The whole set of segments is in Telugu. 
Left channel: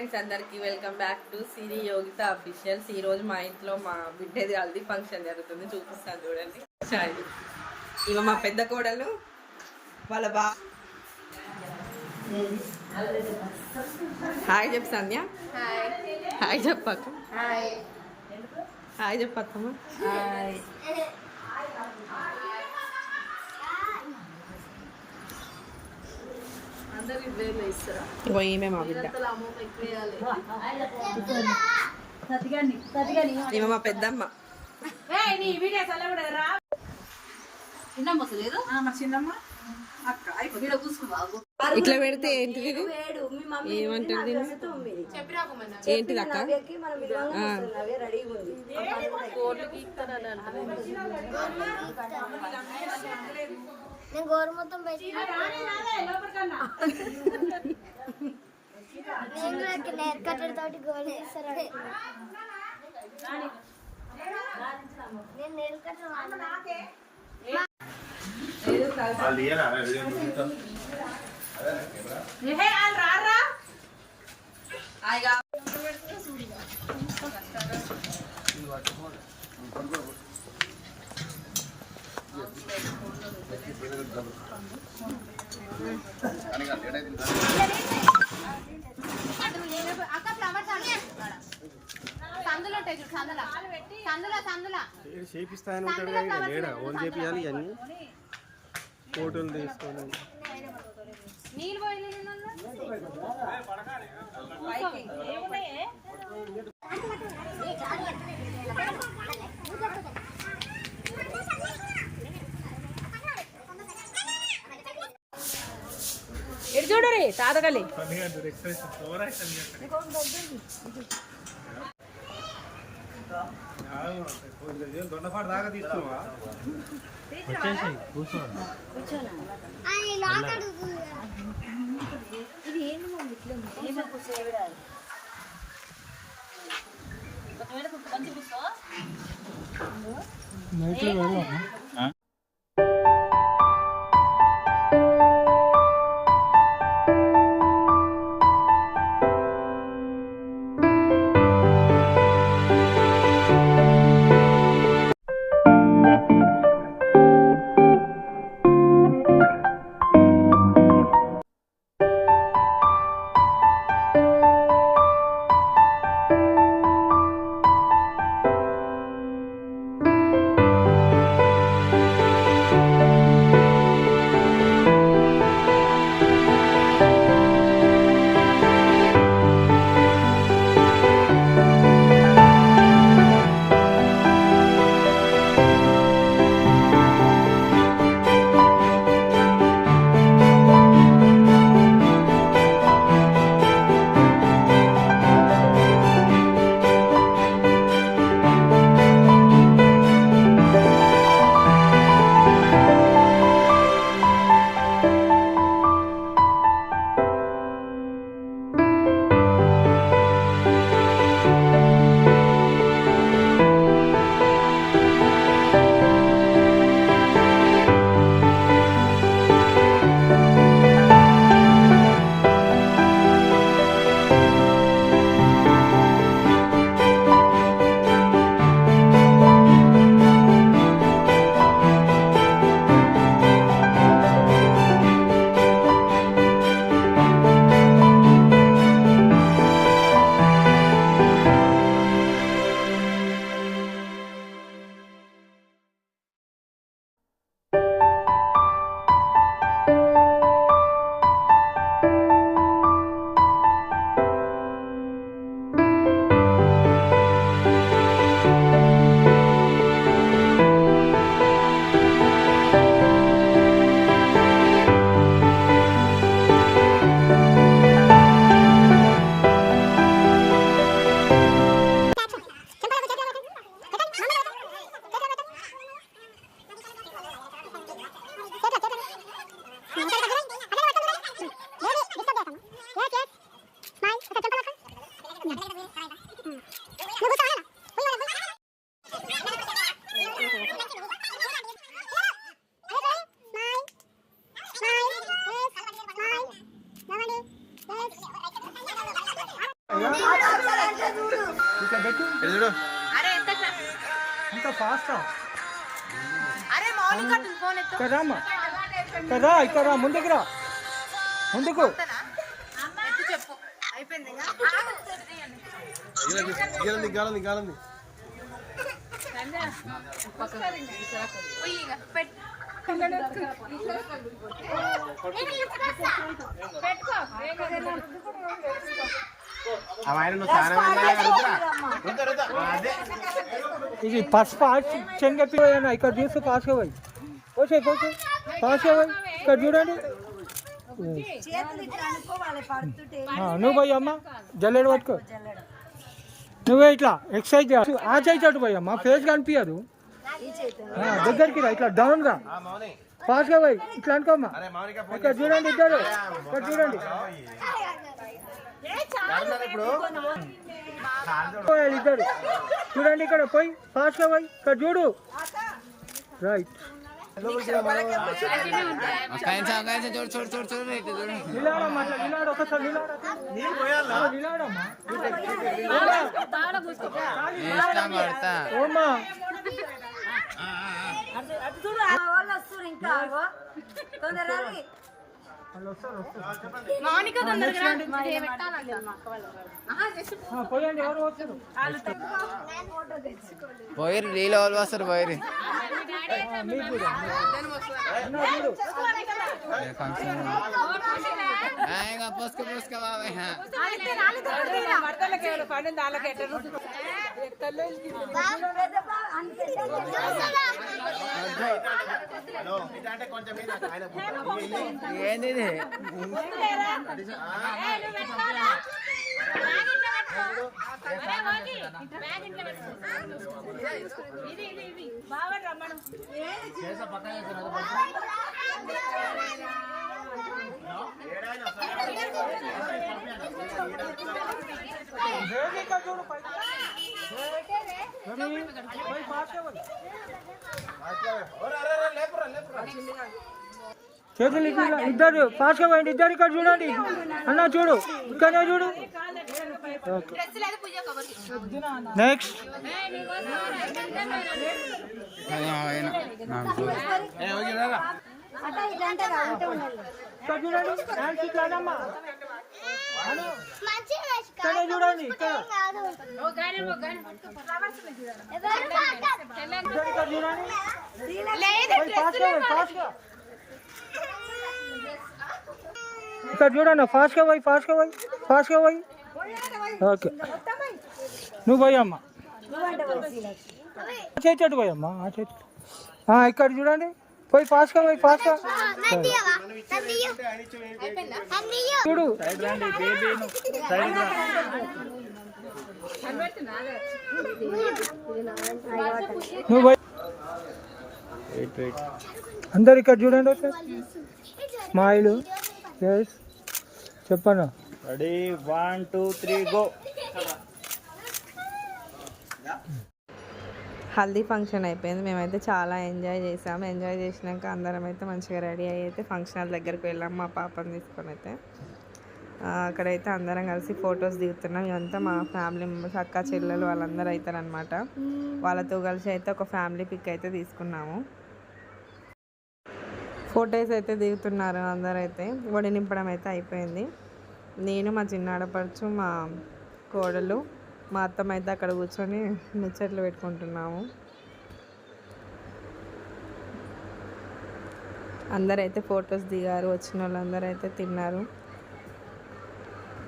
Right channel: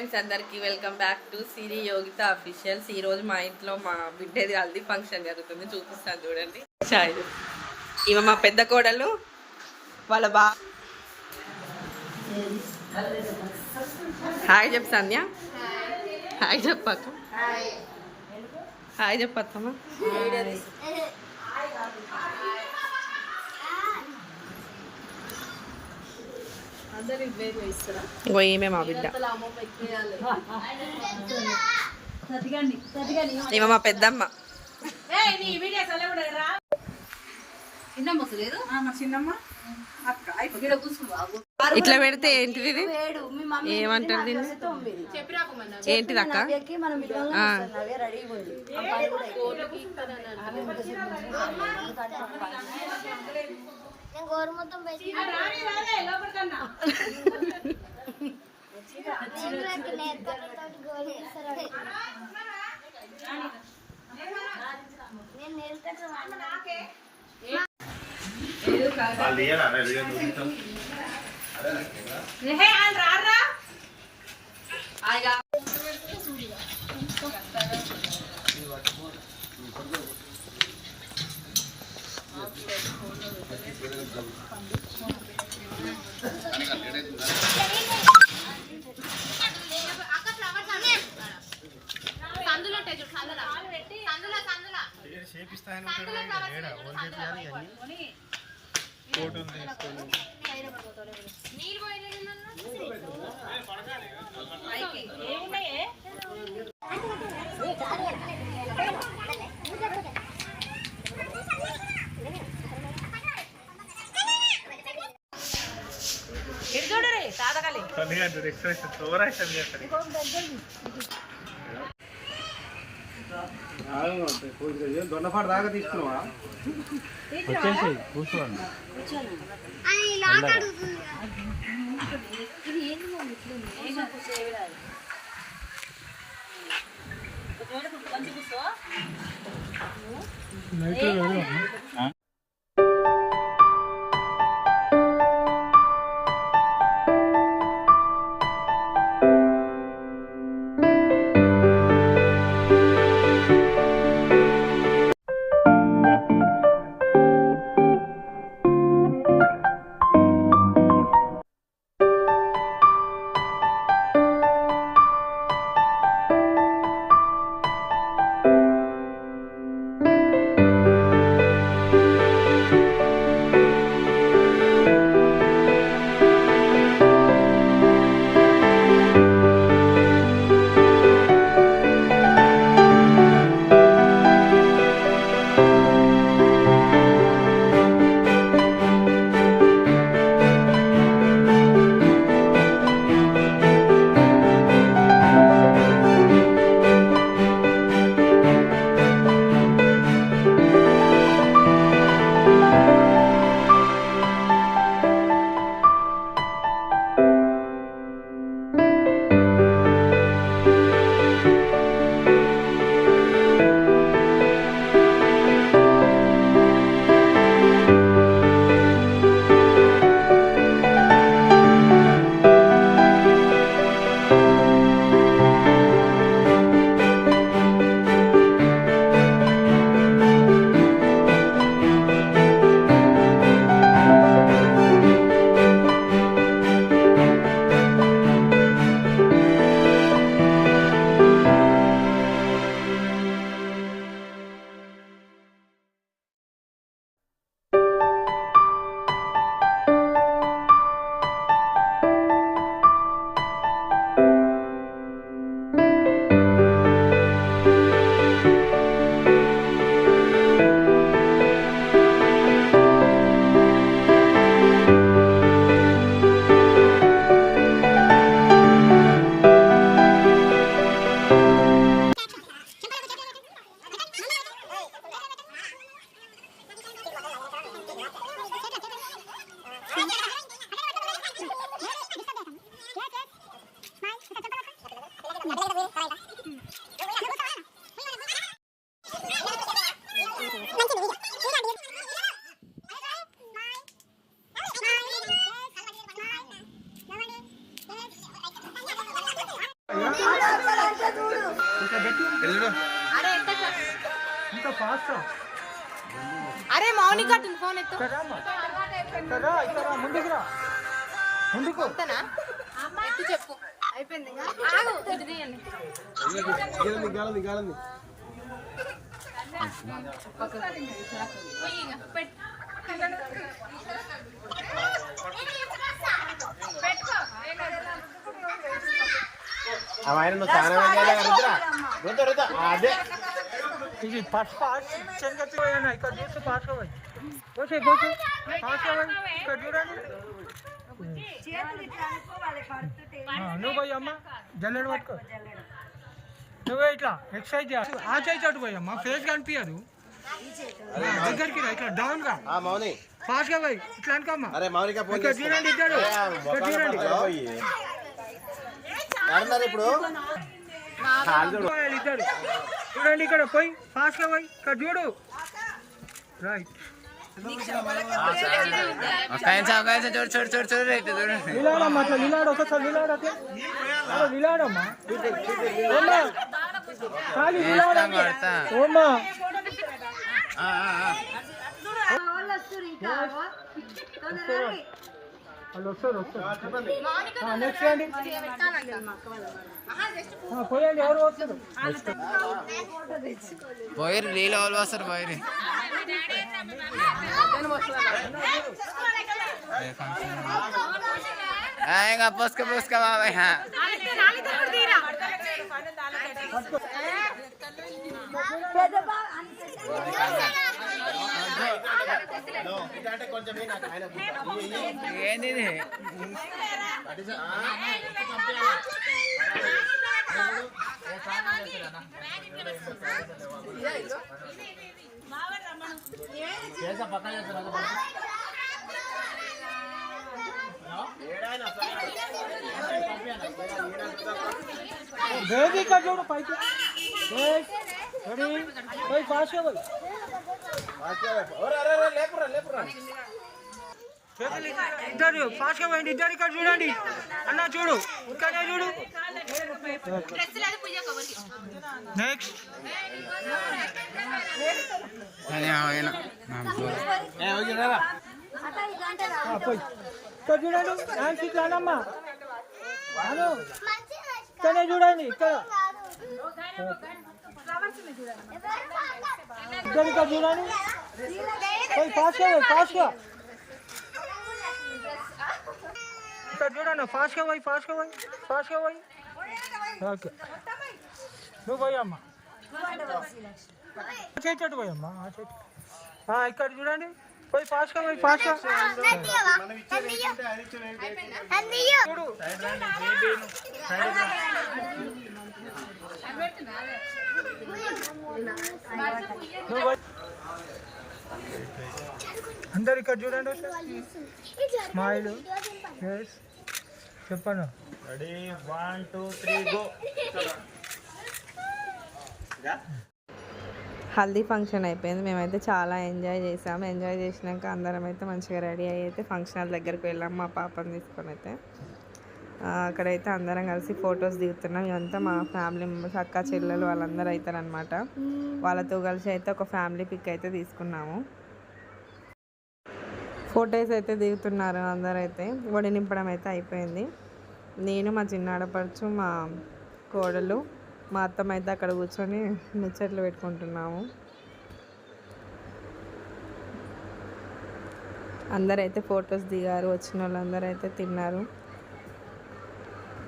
ఫ్రెండ్స్ అందరికి welcome back to Siri Yogitha officials. ఈ రోజు మా ఇంట్లో మా బిడ్డది హల్దీ ఫంక్షన్ జరుగుతుంది, చూపిస్తాను చూడండి. ఇవ మా పెద్ద కోడలు వాళ్ళ హాయ్ చెప్పు సంధ్య. హాయ్ చెప్పక్క. హాయ్ చెప్పత్తమ్మా. ఇంకో ఈమె మా బిడ్డ, ఈమె మా పెద్దమ్మ. ఇట్లా పెడితే ఏంటిది ఇది, ఏమంటారు దీన్ని, ఏంటిది అక్క? చూడరి తాతగలి దొండపాటు దాకా తీసుకున్నావా? కూర్చోండి. ఇంకా ఫాస్ట్ అరే మౌనిక ఫోన్ ఎత్తు కదా ఇక్కడ ముందుకు రా ముందుకు ఎత్తు చెప్పు అయిపోయింది ఆగు ఇది తీయండి గాలంది పోయి ఇక పెట్టు ఇది పసుపు శనగ ఇక్కడ చూసి పాస్ అవ్వాలి పోసే పాస్ అవ్వాలి ఇక్కడ చూడండి నువ్వు పోయి అమ్మ జల్లెడు పట్టుకో నువ్వే ఇట్లా ఎక్సర్సైజ్ ఆ చేయి చట్టు పోయి అమ్మ ఫేస్ కనిపించదు దగ్గరికి రా ఇట్లా డౌన్ గా ఫాస్ట్ గా పోయి ఇట్లా అనుకోమ్మా ఇక్కడ చూడండి ఇద్దరు ఇక్కడ చూడండి ఇద్దరు చూడండి ఇక్కడ పోయి ఫాస్ట్ గా పోయి ఇక్కడ చూడు రైట్ పోయారు నీళ్ళు వాళ్ళు వస్తారు పోయారు ఇంకా పోసుక బాబాయ్ ఏంది ఇది చేతులు ఇద్దరు ఫాస్ట్ గా పోయింది ఇద్దరు ఇక్కడ చూడండి అన్న చూడు ఇక్కడనే చూడు నెక్స్ట్ ఇక్కడ చూడండి అమ్మా ఇక్కడనే చూడండి ఇక్కడ ఇక్కడ చూడండి ఫాస్ట్ గా ఇక్కడ చూడండి ఫాస్ట్ గా పోయి ఓకే నువ్వు పోయమ్మా చేసేట్టు పోయమ్మా ఇక్కడ చూడండి పోయి ఫాస్ట్ గా చూడు నువ్వు పోయి అందరు ఇక్కడ చూడండి స్మైల్ చెప్పను రెడీ 1 2 3 గో హల్దీ ఫంక్షన్ అయిపోయింది మేమైతే చాలా ఎంజాయ్ చేసాము ఎంజాయ్ చేసినాక అందరం అయితే మంచిగా రెడీ అయ్యి అయితే ఫంక్షన్ హాల్ దగ్గరికి వెళ్ళాము మా పాపని తీసుకొని అయితే అక్కడైతే అందరం కలిసి ఫొటోస్ దిగుతున్నాం ఇదంతా మా ఫ్యామిలీ మెంబర్స్ అక్క చెల్లెలు వాళ్ళందరూ అవుతారనమాట వాళ్ళతో కలిసి అయితే ఒక ఫ్యామిలీ పిక్ అయితే తీసుకున్నాము ఫొటోస్ అయితే దిగుతున్నారు అందరైతే వడి నింపడం అయితే అయిపోయింది నేను మా చిన్న ఆడపడుచు మా కోడలు మా అత్తమ్మ అయితే అక్కడ కూర్చొని ముచ్చట్లు పెట్టుకుంటున్నాము అందరైతే ఫొటోస్ దిగారు వచ్చిన వాళ్ళందరూ అయితే తిన్నారు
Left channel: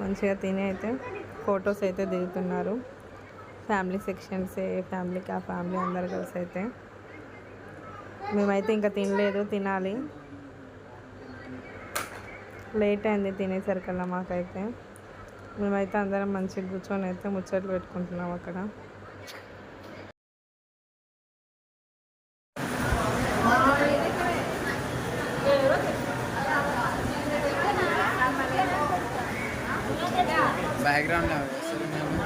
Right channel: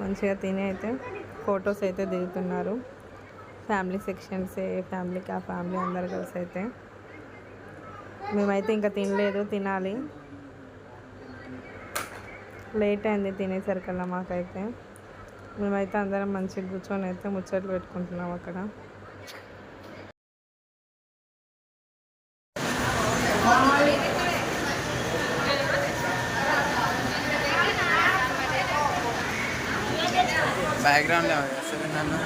మంచిగా తిని అయితే ఫొటోస్ అయితే దిగుతున్నారు ఫ్యామిలీ సెక్షన్స్ ఫ్యామిలీకి ఆ ఫ్యామిలీ అందరు కలిసి అయితే మేమైతే ఇంకా తినలేదు తినాలి లేట్ అయింది తినేసరికల్లా మాకైతే మేమైతే అందరం మంచిగా కూర్చొని అయితే ముచ్చట్లు పెట్టుకుంటున్నాం అక్కడ బ్యాక్గ్రౌండ్ సరే నన్ను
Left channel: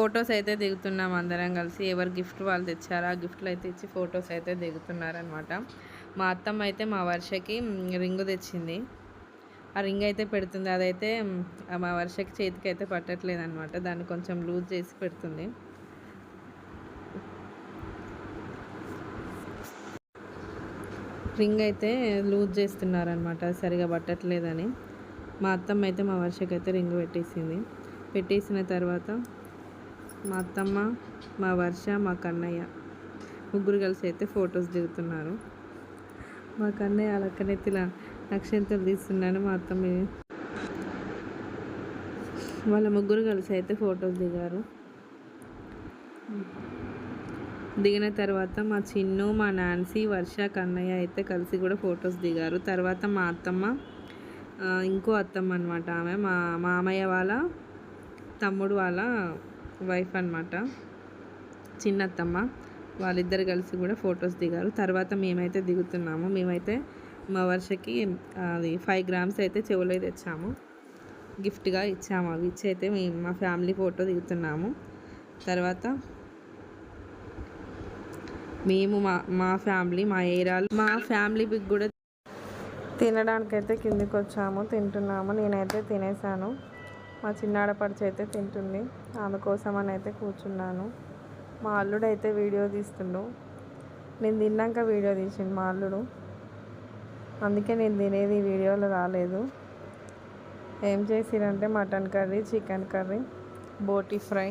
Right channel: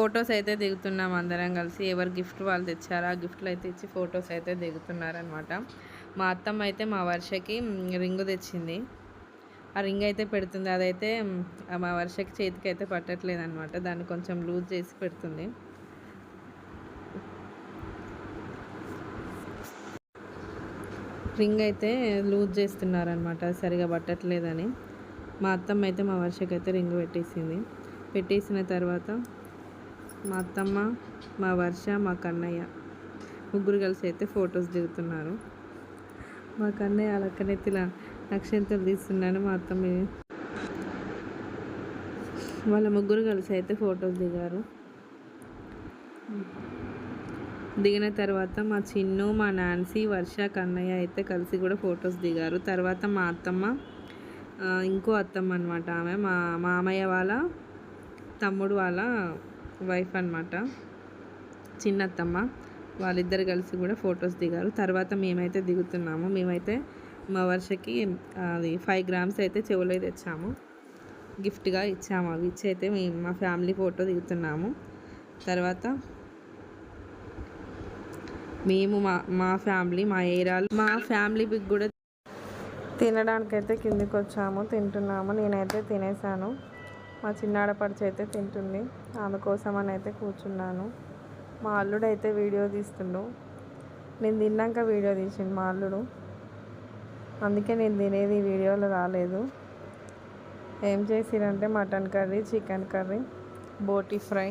ఫొటోస్ అయితే దిగుతున్నాం అందరం కలిసి. ఎవరు గిఫ్ట్ వాళ్ళు తెచ్చారు, ఆ గిఫ్ట్లు అయితే ఇచ్చి ఫొటోస్ అయితే దిగుతున్నారనమాట. మా అత్తమ్మ అయితే మా వర్షకి రింగు తెచ్చింది. ఆ రింగ్ అయితే పెడుతుంది. అదైతే మా వర్షకి చేతికి అయితే పట్టట్లేదు అనమాట. దాన్ని కొంచెం లూజ్ చేసి పెడుతుంది. రింగ్ అయితే లూజ్ చేస్తున్నారనమాట, సరిగా పట్టట్లేదని. మా అత్తమ్మ అయితే మా వర్షకి అయితే రింగ్ పెట్టేసింది. పెట్టేసిన తర్వాత మా అత్తమ్మ, మా వర్ష, మా కన్నయ్య ముగ్గురు కలిసి అయితే ఫొటోస్ దిగుతున్నారు. మా కన్నయ్య అలకనెత్తిలా అక్షంతలు తీస్తున్నాను. మా అత్తమ్మ వాళ్ళ ముగ్గురు కలిసి అయితే ఫొటోస్ దిగారు. దిగిన తర్వాత మా చిన్ను, మా నాన్సీ, వర్ష, కన్నయ్య అయితే కలిసి కూడా ఫొటోస్ దిగారు. తర్వాత మా అత్తమ్మ, ఇంకో అత్తమ్మ అనమాట, ఆమె మా మామయ్య వాళ్ళ తమ్ముడు వాళ్ళ వైఫ్ అనమాట, చిన్న అత్తమ్మ, వాళ్ళిద్దరు కలిసి కూడా ఫొటోస్ దిగారు. తర్వాత మేమైతే దిగుతున్నాము. మేమైతే మా వర్షకి అది 5 grams అయితే చెవులో తెచ్చాము, గిఫ్ట్గా ఇచ్చాము. అవి ఇచ్చి అయితే మేము మా ఫ్యామిలీ ఫోటో దిగుతున్నాము. తర్వాత మేము మా ఫ్యామిలీ, మా ఏరియాలో మా ఫ్యామిలీ బిగ్ కూడా తినడానికైతే కిందికి వచ్చాము, తింటున్నాము. నేనైతే తినేసాను. మా చిన్నాడపడిచి అయితే తింటుంది, ఆమె కోసం అని అయితే కూర్చున్నాను. మా అల్లుడు అయితే వీడియో తీస్తుండు. నేను తిన్నాక వీడియో తీసిండు మా అల్లుడు, అందుకే నేను తినేది వీడియోలో రాలేదు. ఏం చేసిరంటే మటన్ కర్రీ, చికెన్ కర్రీ, బోటీ ఫ్రై,